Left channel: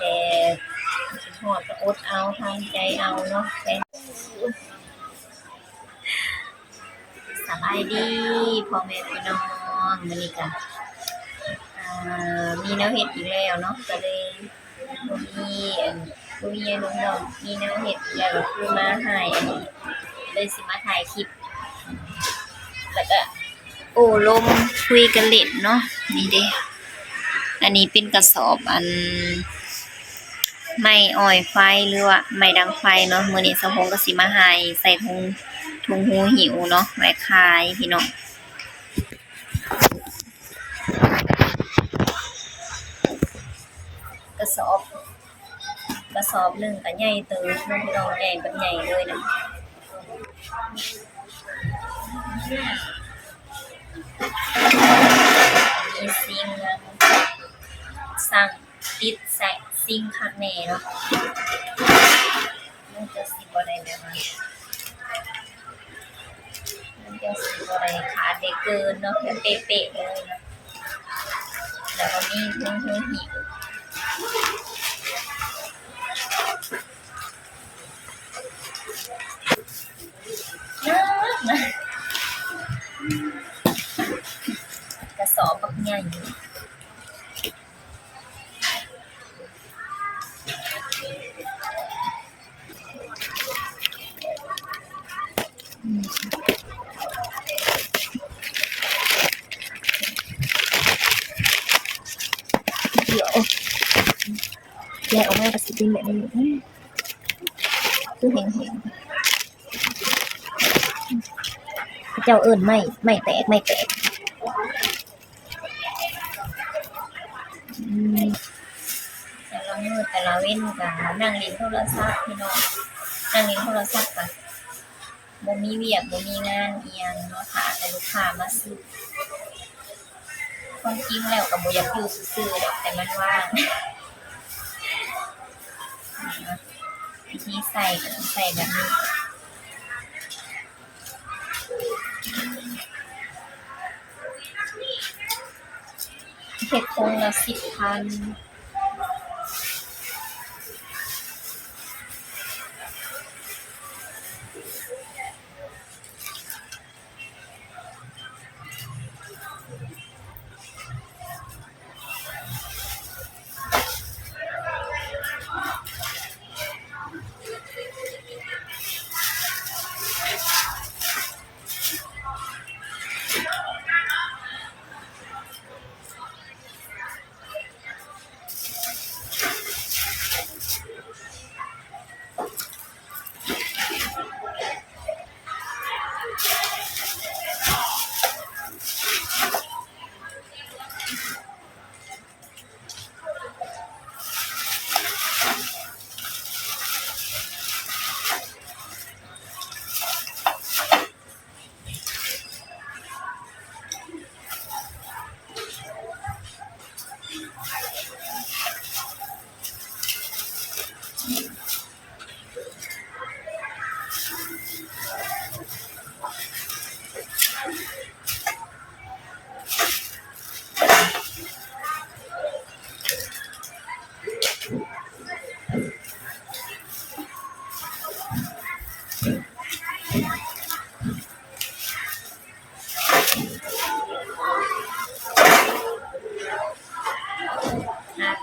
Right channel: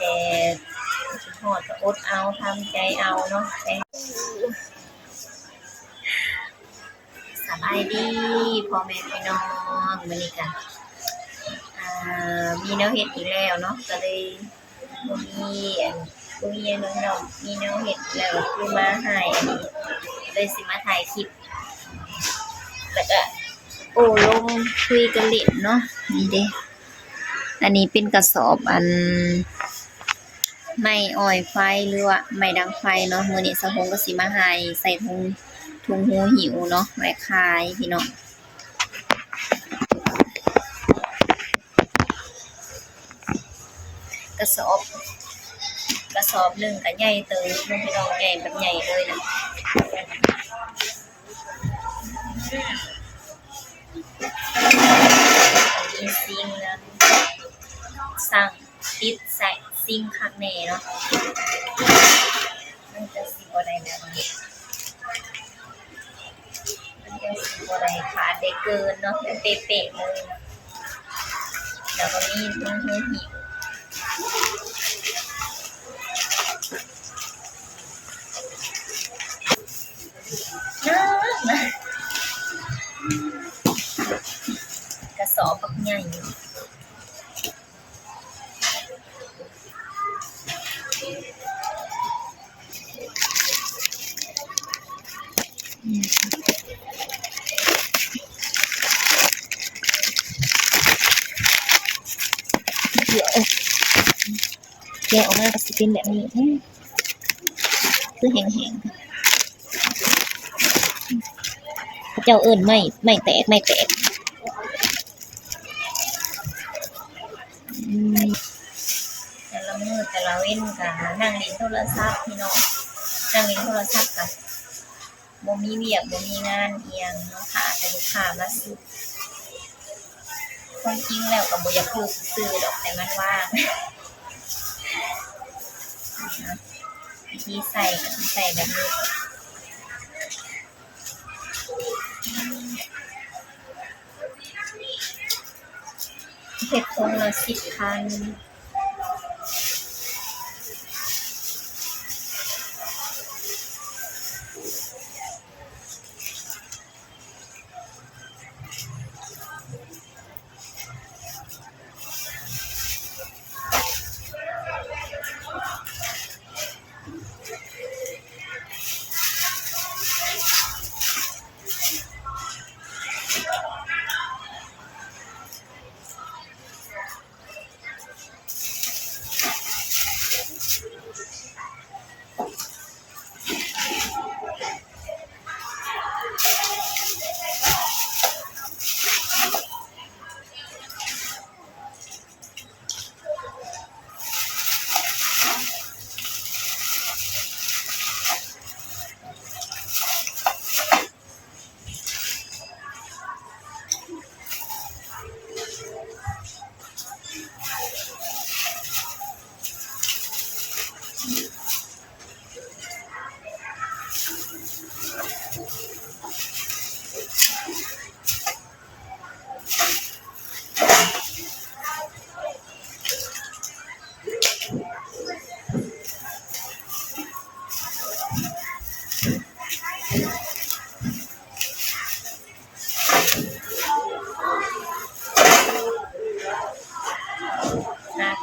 แต่คิดฮอดก็อดเอาทำใจเอาเนาะแต่สบายดีพ่อแม่พี่น้องมื้อนี้ก็มีแนวเฮ็ดอีกแล้วเนาะก็เลยบ่มีบ่มีหยังเนาะมีแนวเฮ็ดแล้วก็คือมาให้อันนี้เลยสิมาถ่ายคลิปแล้วก็โอ้ลมคุยกันเล่นเนาะนี่เด้อันนี้เป็นกระสอบไม้อ้อยไฟหรือว่าไม้ดังไฟเนาะมื้อนี้สะพงก็สิมาให้ใส่ถุงหูหิวเนาะไว้ขายพี่น้องกระสอบหนึ่งก็ใหญ่เติบน้องพี่น้องใหญ่แบบใหญ่เลยนะมีซิงนะสั่งติดใส่ซิงข้างในเนาะมันจะสิบ่ได้แบบว่ามันจะสิบ่ได้ขาดได้เกินเนาะแบบเป๊ะๆเลยเนาะแล้วก็มีถุงหูหิวนะกระสอบปักใหญ่เดี๋ยวแกะออกมาก็สิเป็นแบบนี้คือแห้งๆพระเจ้าเอิ้นไม่แตกแต่ละมื้อแต่ละเว้นก็นั่งเล่นโทรศัพท์พี่น้องนั่งเล่นโทรศัพท์ก็บ่มีเวียกบ่มีงานอีหยังเนาะค่ะแต่ลูกค้ามาซื้อความจริงแล้วก็บ่อยากอยู่ซื่อๆดอกแต่มันว่างวิธีใส่ก็ต้องใส่แบบนี้เฮ็ดคงละ10,0005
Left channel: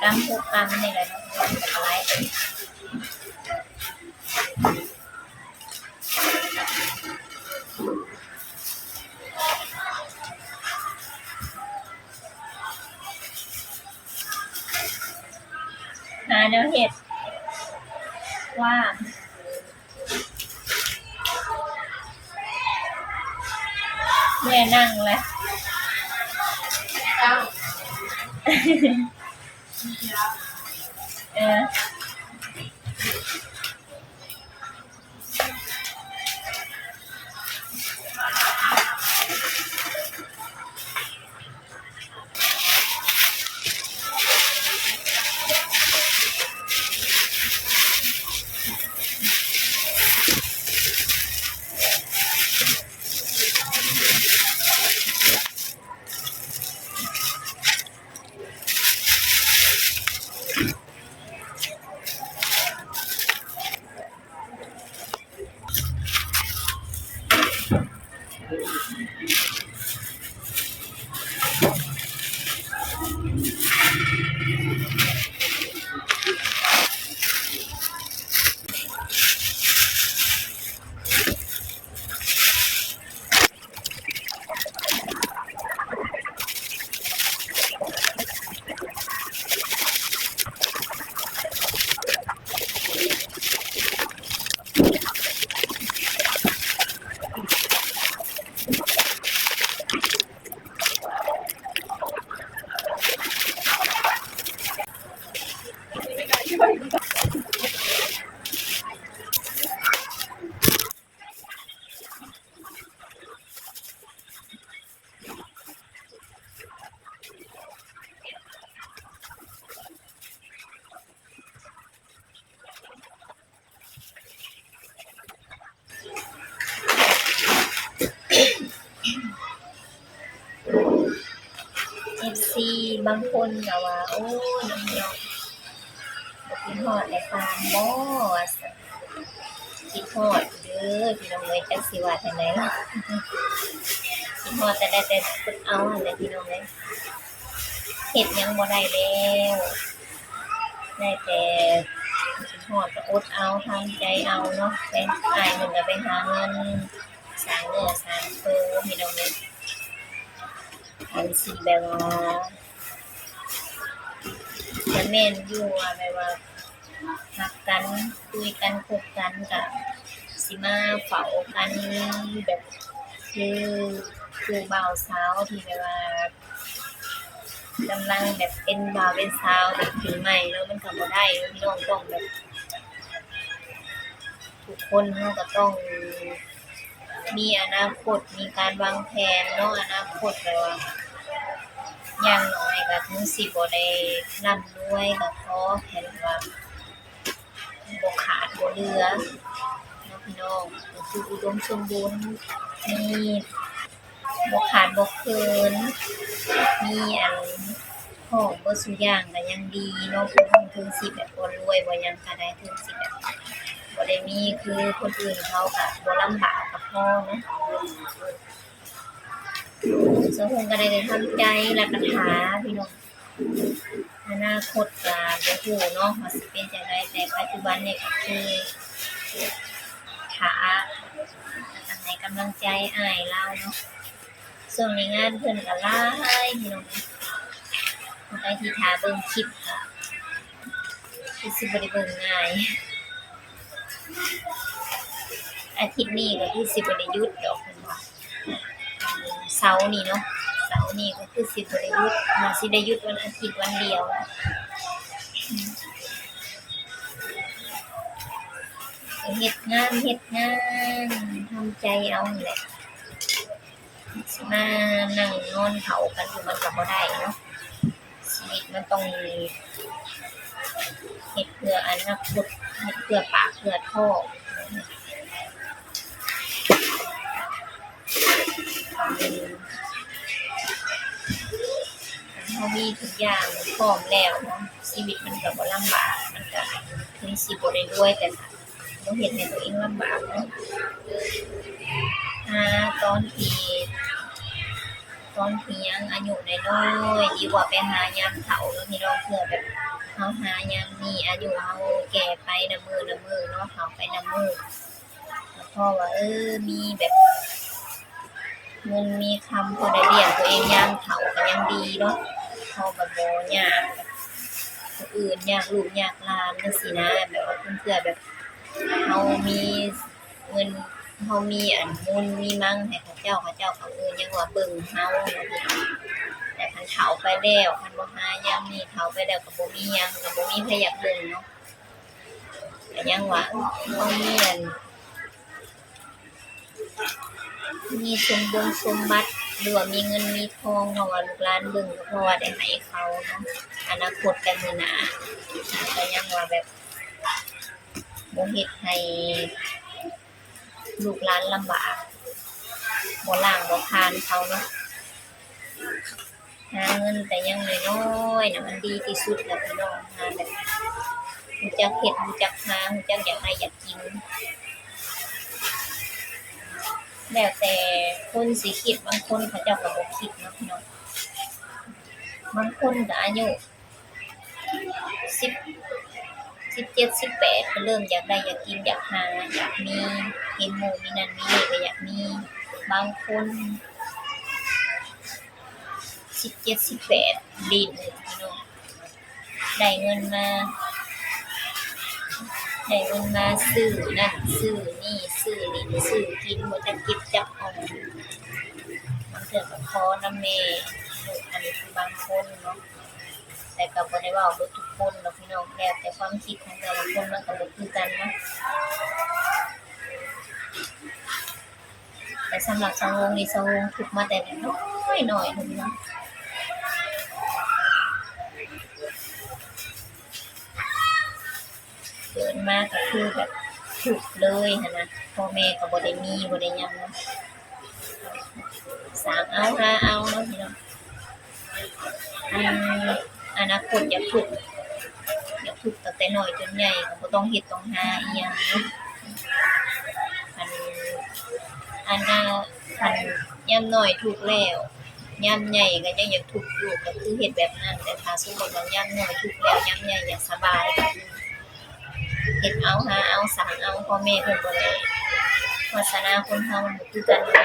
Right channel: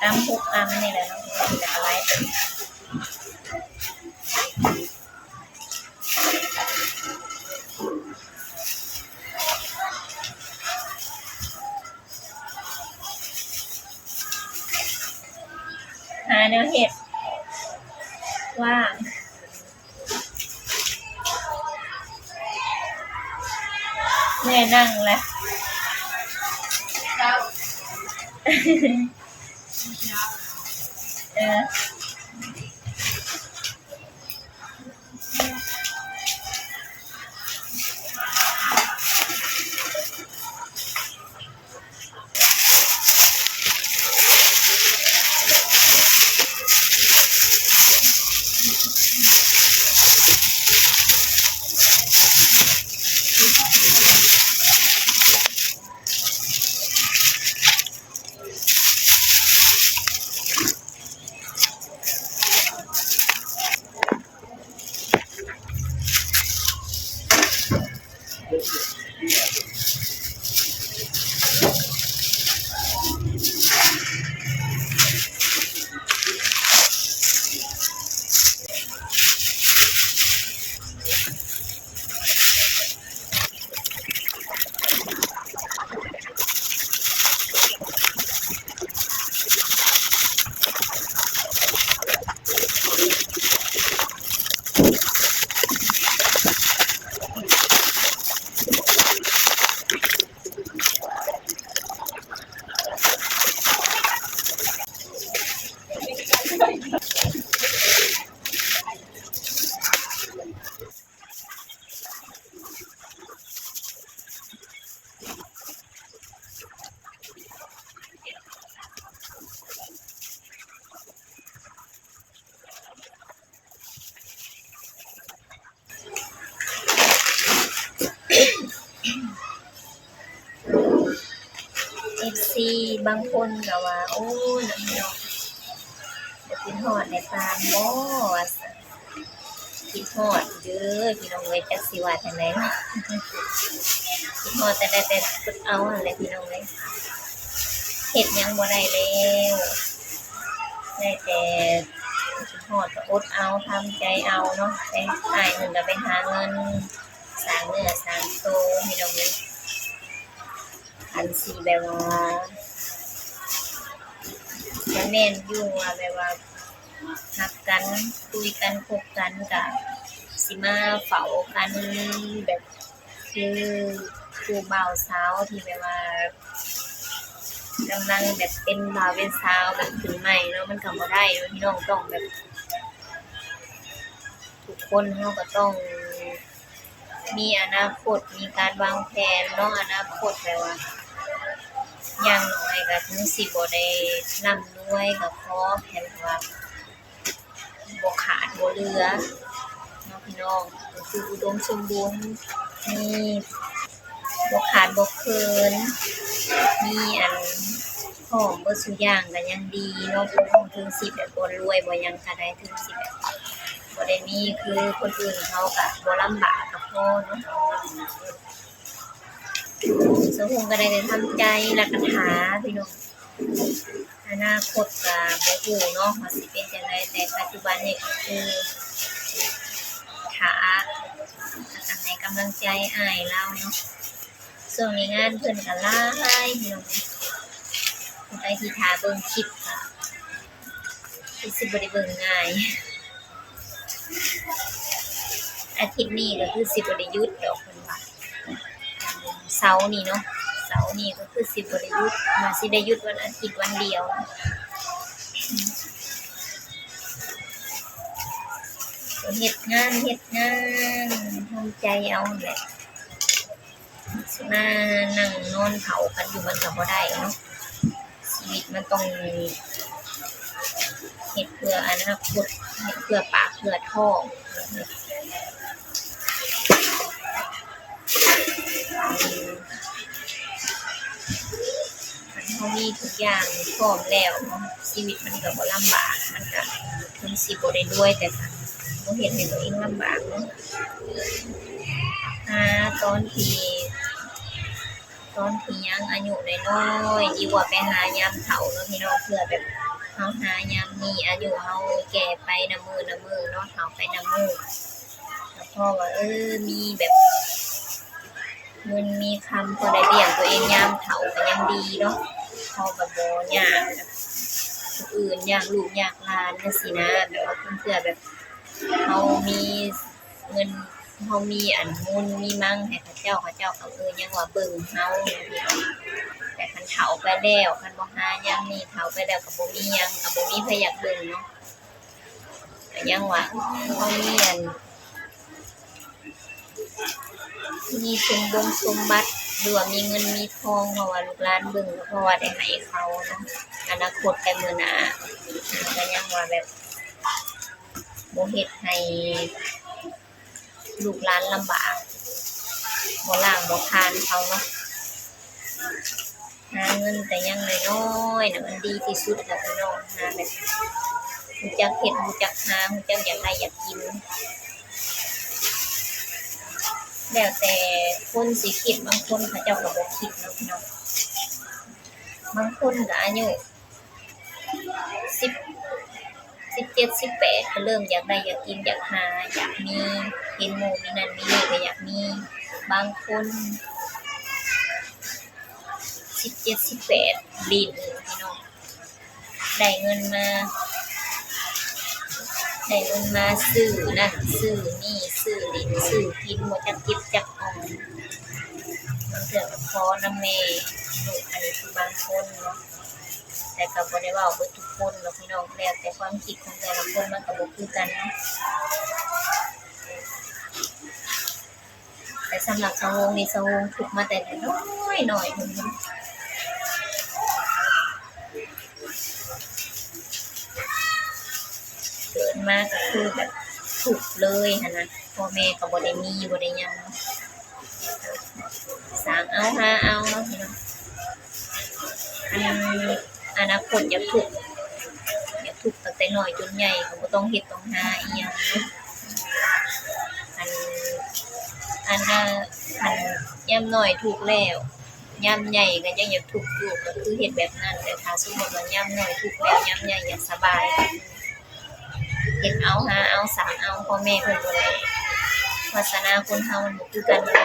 กรัม 6 กรัมนี่แหละเนาะแต่ก็หลายหาแนวเฮ็ดว่างเมื่อยนั่งแหละ บางคนก็ว่าโอ้ยน้องพี่น้องบ่คิดฮอดได้ปานบ่ว่าซั่นคิดฮอดเด้อพี่น้องเอ้ยจักสิว่าจั่งใดเนาะคิดฮอดแต่ได้แต่อดเอานั่นแหละพี่น้องเอ้ยเฮ็ดหยังบ่ได้แล้วได้แต่คิดฮอดก็อดเอาทำใจเอาเนาะไปอ้ายเพิ่นก็ไปหาเงินสร้างเนื้อสร้างตัวพี่น้องเอ้ยอันสิแบบว่าก็แม่นอยู่ว่าแบบว่ารักกันคุยกันคบกันก็สิมาเฝ้ากันแบบคือคู่บ่าวสาวที่แบบว่ากำลังแบบเป็นบ่าวเป็นสาวแบบขึ้นใหม่เนาะมันก็บ่ได้เนาะพี่น้องต้องแบบทุกคนเราก็ต้องมีอนาคตมีการวางแผนเนาะอนาคตแบบว่าอย่างน้อยก็ถึงสิบ่ได้ร่ำรวยก็ขอให้แบบว่าบ่ขาดบ่เหลือเนาะพี่น้องก็คืออุดมสมบูรณ์มีบ่ขาดบ่เกินมีอันพร้อมเบิดซุอย่างก็ยังดีเนาะพี่น้องถึงสิแบบบ่รวยบ่หยังก็ได้ถึงสิแบบบ่ได้มีคือคนอื่นเขาก็บ่ลำบากก็พอเนาะสังคมก็ได้แต่ทำใจแล้วก็หาพี่น้องอนาคตก็บ่ฮู้เนาะว่าสิเป็นจั่งใดแต่ปัจจุบันนี่ก็คือถ้าแล้วก็ให้กำลังใจอ้ายเราเนาะช่วงนี้งานเพิ่นก็หลายพี่น้องผู้ใดที่ท่าเบิ่งคลิปก็คือสิบ่ได้เบิ่งง่ายอาทิตย์นี้ก็คือสิบ่ได้หยุดดอกเพิ่นว่าเสาร์นี้เนาะเสาร์นี้ก็คือสิบ่ได้หยุดน่าสิได้หยุดวันอาทิตย์วันเดียวก็เฮ็ดงานทำใจเอานั่นแหละสิมานั่งนอนเผากันอยู่มันก็บ่ได้เนาะชีวิตมันต้องเฮ็ดเพื่ออนาคตเฮ็ดเพื่อปากเพื่อท้องคันเฮามีทุกอย่างพร้อมแล้วเนาะชีวิตมันก็บ่ลำบากมันก็ถึงสิบ่ได้รวยแต่ก็บ่เฮ็ดให้ตัวเองลำบากเนาะตอนที่ยังอายุน้อยๆดีกว่าไปหายามเฒ่าเนาะพี่น้องเพื่อแบบเฮาหายามนี้อายุเฮาแก่ไปนำมื้อเนาะเฒ่าไปนำมื้อก็พอว่ามีแบบเงินมีคำพอได้เลี้ยงตัวเองยามเฒ่าก็ยังดีเนาะพอแบบบ่ยากแบบผู้อื่นยากลูกยากหลานจังซี่นะแบบว่าเพื่อแบบเฮามีเงินเฮามีอันมูลมีมั่งให้เขาเจ้าก็ยังว่าเบิ่งเฮาเนาะพี่น้องแต่คันเฒ่าไปแล้วคันบ่หายามนี้เฒ่าไปแล้วก็บ่มีหยังก็บ่มีไผอยากเบิ่งเนาะก็ยังว่าเฮามีอันมีสมบัติหรือว่ามีเงินมีทองเพราะว่าลูกหลานเบิ่งก็เพราะว่าได้ให้เขาเนาะอนาคตแต่มื้อหน้าก็ยังว่าแบบบ่เฮ็ดให้ลูกหลานลำบากบ่ล้างบ่ผลาญเขาเนาะหาเงินแต่ยังน้อยๆน่ะมันดีที่สุดแล้วพี่น้องหาแบบรู้จักเฮ็ดรู้จักหารู้จักอยากได้อยากกินแล้วแต่คนสิคิดบางคนเขาเจ้าก็บ่คิดเนาะพี่น้องบางคนก็อายุ10 17 18ก็เริ่มอยากได้อยากกินอยากหาอยากมีเห็นหมู่มีนั่นมีนี่ก็อยากมีบางคน17 18ลิ้นพี่น้องได้เงินมาซื้อนั่นซื้อนี่ซื้อลิ้นซื้อกินบ่จักเก็บจักออมบางเทื่อก็ขอนำแม่ลูกอันนี้คือบางคนเนาะแต่ก็บ่ได้เว้าเบิดทุกคนหรอกพี่น้องแล้วแต่ความคิดของแต่ละคนมันก็บ่คือกันเนาะแต่สำหรับสาวงนี่สาวงทุกข์มาแต่น้อยๆเนาะเกิดมาก็คือแบบทุกข์เลยหั้นนะพ่อแม่ก็บ่ได้มีบ่ได้หยังเนาะสร้างเอาหาเอาเนาะพี่น้อง อันอนาคตอยากถูกตั้งแต่น้อยจนใหญ่ก็บ่ต้องเฮ็ดต้องหาอีหยังเนาะอันอันน่ะคันยามน้อยทุกข์แล้วยามใหญ่ก็ยังอยากทุกข์อยู่ก็คือเฮ็ดแบบนั้นแต่ถ้าสมมุติว่ายามน้อยทุกข์แล้วยามใหญ่อยากสบายก็คือเฮ็ดเอาหาเอาสร้างเอาพ่อแม่เพิ่นบ่ได้วาสนาคนเฮามันบ่คือกันเนาะ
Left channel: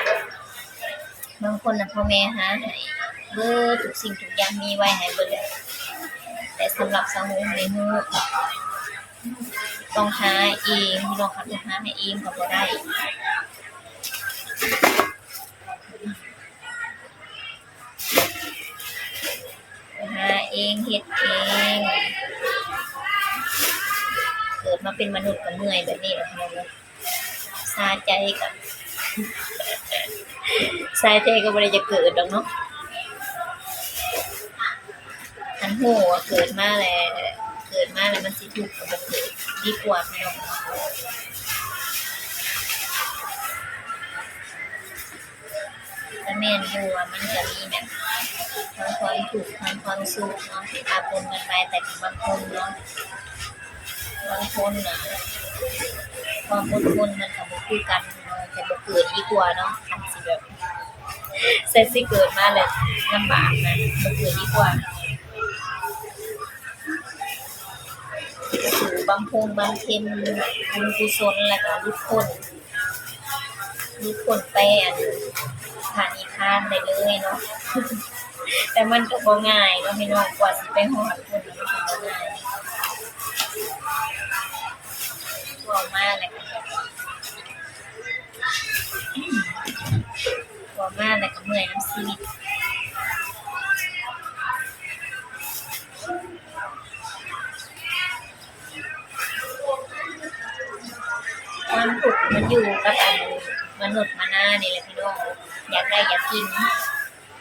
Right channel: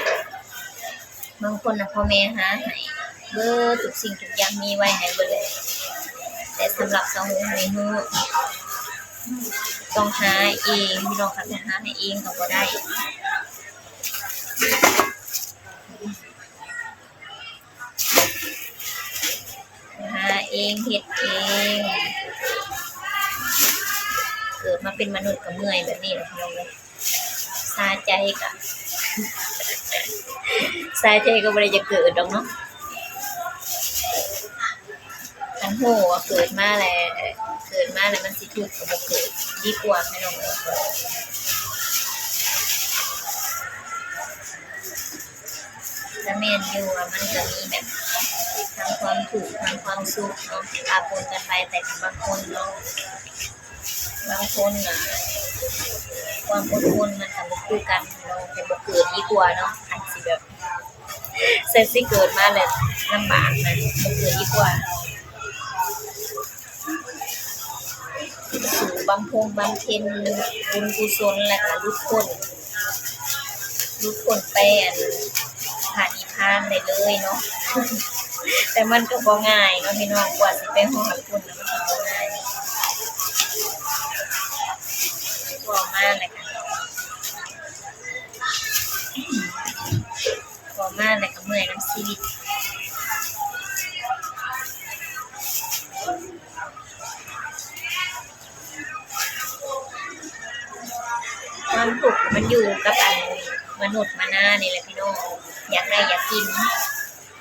บางคนน่ะพ่อแม่หาให้เบิดทุกสิ่งทุกอย่างมีไว้ให้เบิดเลยแต่สำหรับสาวหงนี่ฮือต้องหาเองพี่น้องค่ะจะหาให้เองก็บ่ได้หาเองเฮ็ดเองเกิดมาเป็นมนุษย์ก็เมื่อยแบบนี้แหละพี่น้องเอ้ยสาใจก็สาใจก็บ่ได้จะเกิดดอกเนาะอันโหว่าเกิดมาแล้วมันสิทุกข์ก็บ่เกิดดีกว่าพี่น้องแต่แม่นอยู่ว่ามันจะมีแบบทั้งความทุกข์ทั้งความสุขเนาะปะปนกันไปแต่บางคนเนาะบางคนน่ะความอดทนมันก็บ่คือกันเนาะแต่บ่เกิดดีกว่าเนาะคันสิแบบแต่สิเกิดมาแล้วลำบากนะบ่เกิดดีกว่าสู่บำเพ็ญบุญกุศลแล้วก็หลุดพ้นไปพระนิพพานได้เลยเนาะ แต่มันก็บ่ง่ายเนาะพี่น้องกว่าสิไปฮอดพุ่นน่ะมันก็บ่ง่ายเว้ามาแล้วก็เมื่อยนำชีวิตความทุกข์มันอยู่กับมนุษย์มนานี่แหละพี่น้องอยากได้อยากกิน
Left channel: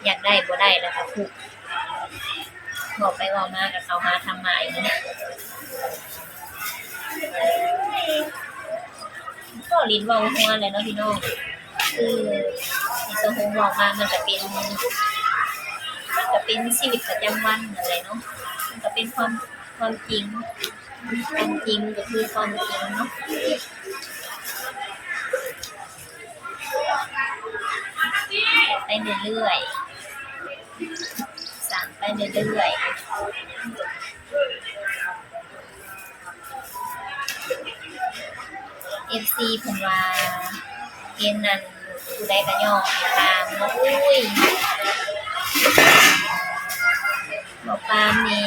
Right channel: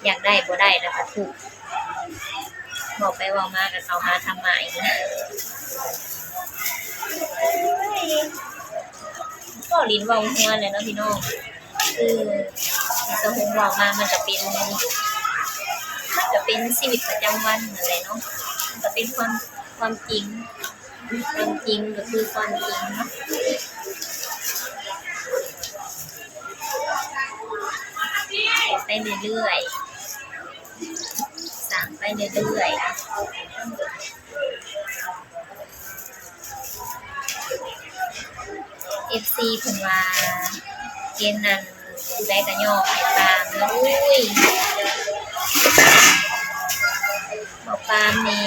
อยากได้บ่ได้แล้วก็ทุกข์บอกไปเว้ามาก็เข้าหาธรรมะอีกนะก็ลิ้นเว้าหัวแหละเนาะพี่น้องคือที่สะหงเว้ามามันก็เป็นชีวิตประจำวันนั่นแหละเนาะมันก็เป็นความจริงก็คือความจริงเนาะไปเรื่อยๆสั่งไปเรื่อยๆFC เพิ่นว่าเกณฑ์นั้นผู้ใดก็ย่อให้ตามเนาะอุ้ยบ่ปามนี่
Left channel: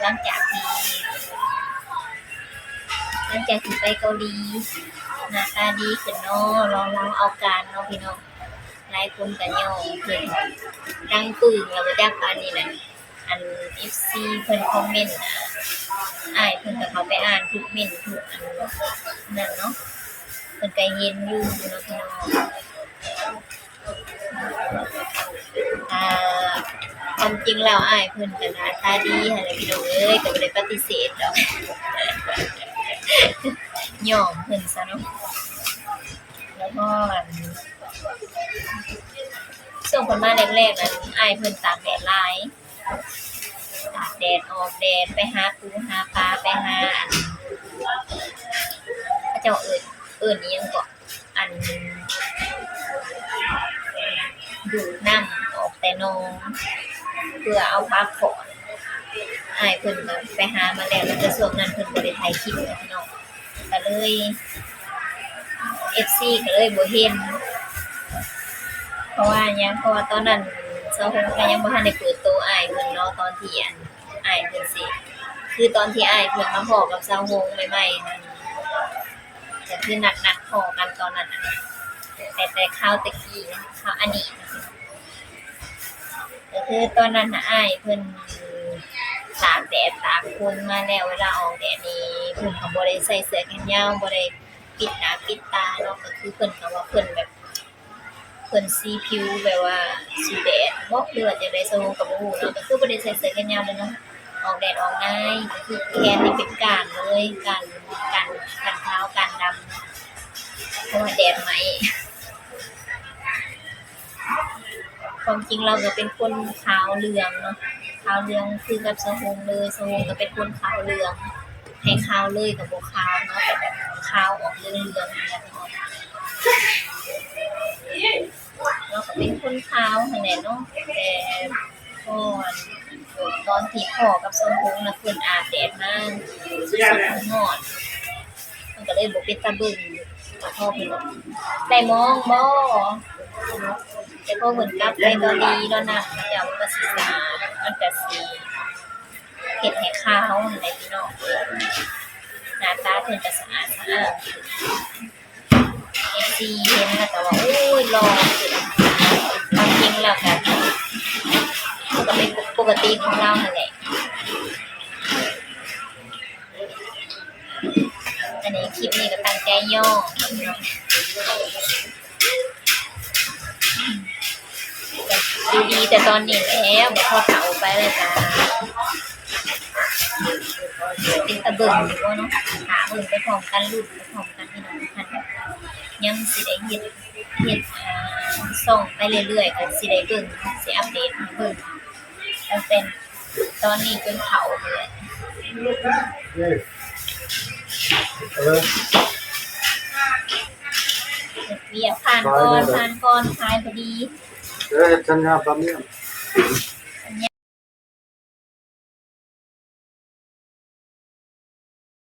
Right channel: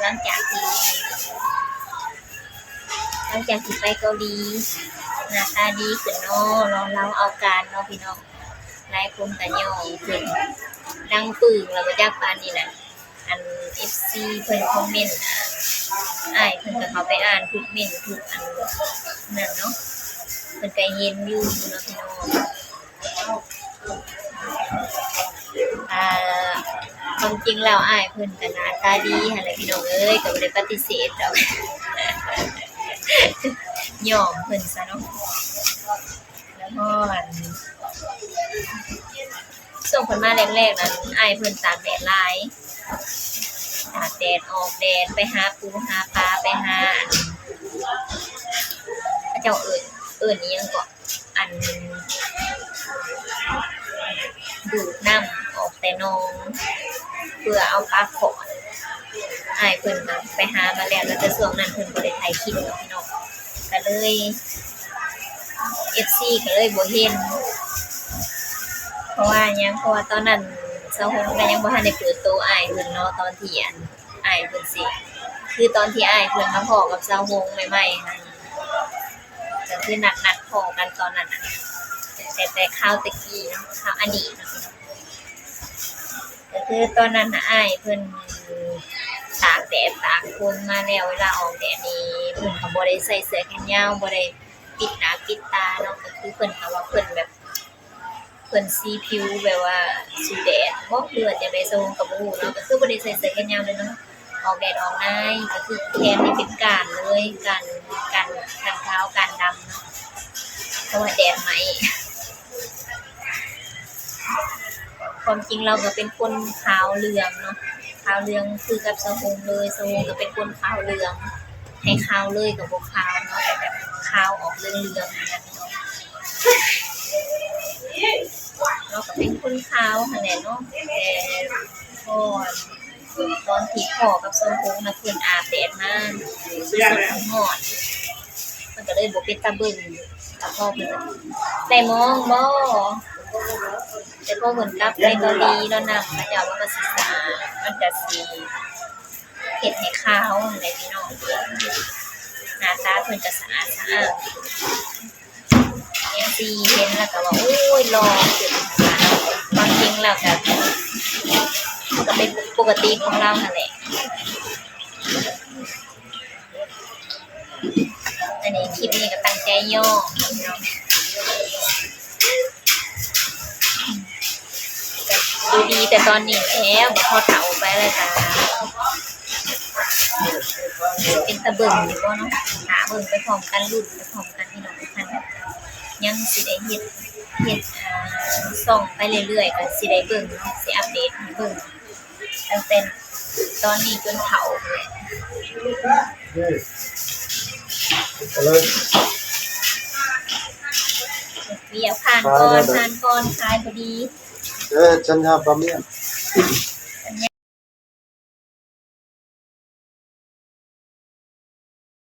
หลังจากที่ไปเกาหลีหน้าตาดีขึ้นเนาะลองเราเอาการเนาะพี่น้องหลายคนก็ย่อขึ้นดังปึ้งแล้วบ่จักปานนี้น่ะอัน FC เพิ่นคอมเมนต์อ้ายเพิ่นก็เข้าไปอ่านทุกเม้นต์ทุกอันนั่นเนาะเพิ่นก็เห็นอยู่เนาะพี่น้องความจริงแล้วอ้ายเพิ่นก็หน้าตาดีหั่นแหละพี่น้องเอ้ยก็บ่ได้ปฏิเสธดอกยอมเพิ่นซะเนาะแล้วก็ช่วงเพิ่นมาแรกๆนั้นอ้ายเพิ่นตากแดดหลายตากแดดออกแดดไปหาปูหาปลาไปหาเขาเจ้าเอิ้นอิหยังก็อันดูดน้ำออกแต่นองเพื่อเอาปลาขอนอ้ายเพิ่นก็ไปหามาแล้วแต่ช่วงนั้นเพิ่นบ่ได้ถ่ายคลิปเนาะพี่น้องก็เลย FC ก็เลยบ่เห็นเพราะว่าตอนนั้นเซาหงก็ยังบ่ทันได้เปิดโตอ้ายเพิ่นเนาะตอนที่อ้ายเพิ่นสิคือตอนที่อ้ายเพิ่นมาพ้อกับเซาหงใหม่ๆนั่นก็คือนัดพ้อกันตอนนั้นน่ะแต่คราวตะกี้เนาะคราวอดีตเนาะพี่น้องก็คือตอนนั้นน่ะอ้ายเพิ่นตากแดดตากฝนมาแล้วเวลาออกแดดนี่เพิ่นก็บ่ได้ใส่เสื้อแขนยาวบ่ได้ปิดหน้าปิดตาเนาะก็คือเพิ่นก็ว่าเพิ่นแบบเพิ่นสีผิวแบบว่าสีแดดบ่หรือว่าจังได๋ซะก็บ่ฮู้เนาะก็คือบ่ได้ใส่เสื้อแขนยาวเลยเนาะออกแดดออกง่ายก็คือแขนนี่เป็นก้านเลยก้านขาวก้านดำเนาะเพราะว่าแดดไหม้ความจริงเราก็เป็นคนขาวเหลืองเนาะ ขาวเหลืองคือกับสะฮงเลยสะฮงก็เป็นคนขาวเหลืองให้ขาวเลยกับบ่ขาวเนาะแต่แบบขาวออกเหลืองๆเนี่ยพี่น้องเราก็เป็นคนขาวหั่นแหละเนาะแต่ก่อนตอนที่พ่อกับสะฮงน่ะเพิ่นอาบแดดมาสดๆร้อนๆมันก็เลยบ่เป็นตาเบิ่งแต่พ่อเพิ่นก็ได้มองบ่ แต่พอเพิ่นกลับไปเกาหลีเนาะน้ำเขาเจ้ามันก็สิสะอาดมันก็สิเฮ็ดให้ขาวนั่นแหละพี่น้องหน้าตาเพิ่นก็สะอาดFC เห็นแล้วก็ว่าโอ้ยหล่อขึ้นความจริงแล้วก็มันก็เป็นปกติของเรานั่นแหละอันนี้คลิปนี้ก็ตั้งใจย่อเนาะก็ดูดีแต่ตอนนี้แล้วบ่พอเฒ่าไปเลยจ้าเป็นตาเบิ่งอยู่บ่เนาะหาเบิ่งไปพร้อมกันรุ่นไปพร้อมกันพี่น้องทุกท่านยังสิได้เฮ็ดส่องไปเรื่อยๆก็สิได้เบิ่งเนาะสิอัปเดตให้เบิ่งตั้งแต่ตอนนี้จนเฒ่าพู้นแหละเวียกผ่านก่อนขายพอดีฉันอยากทำเนี่ย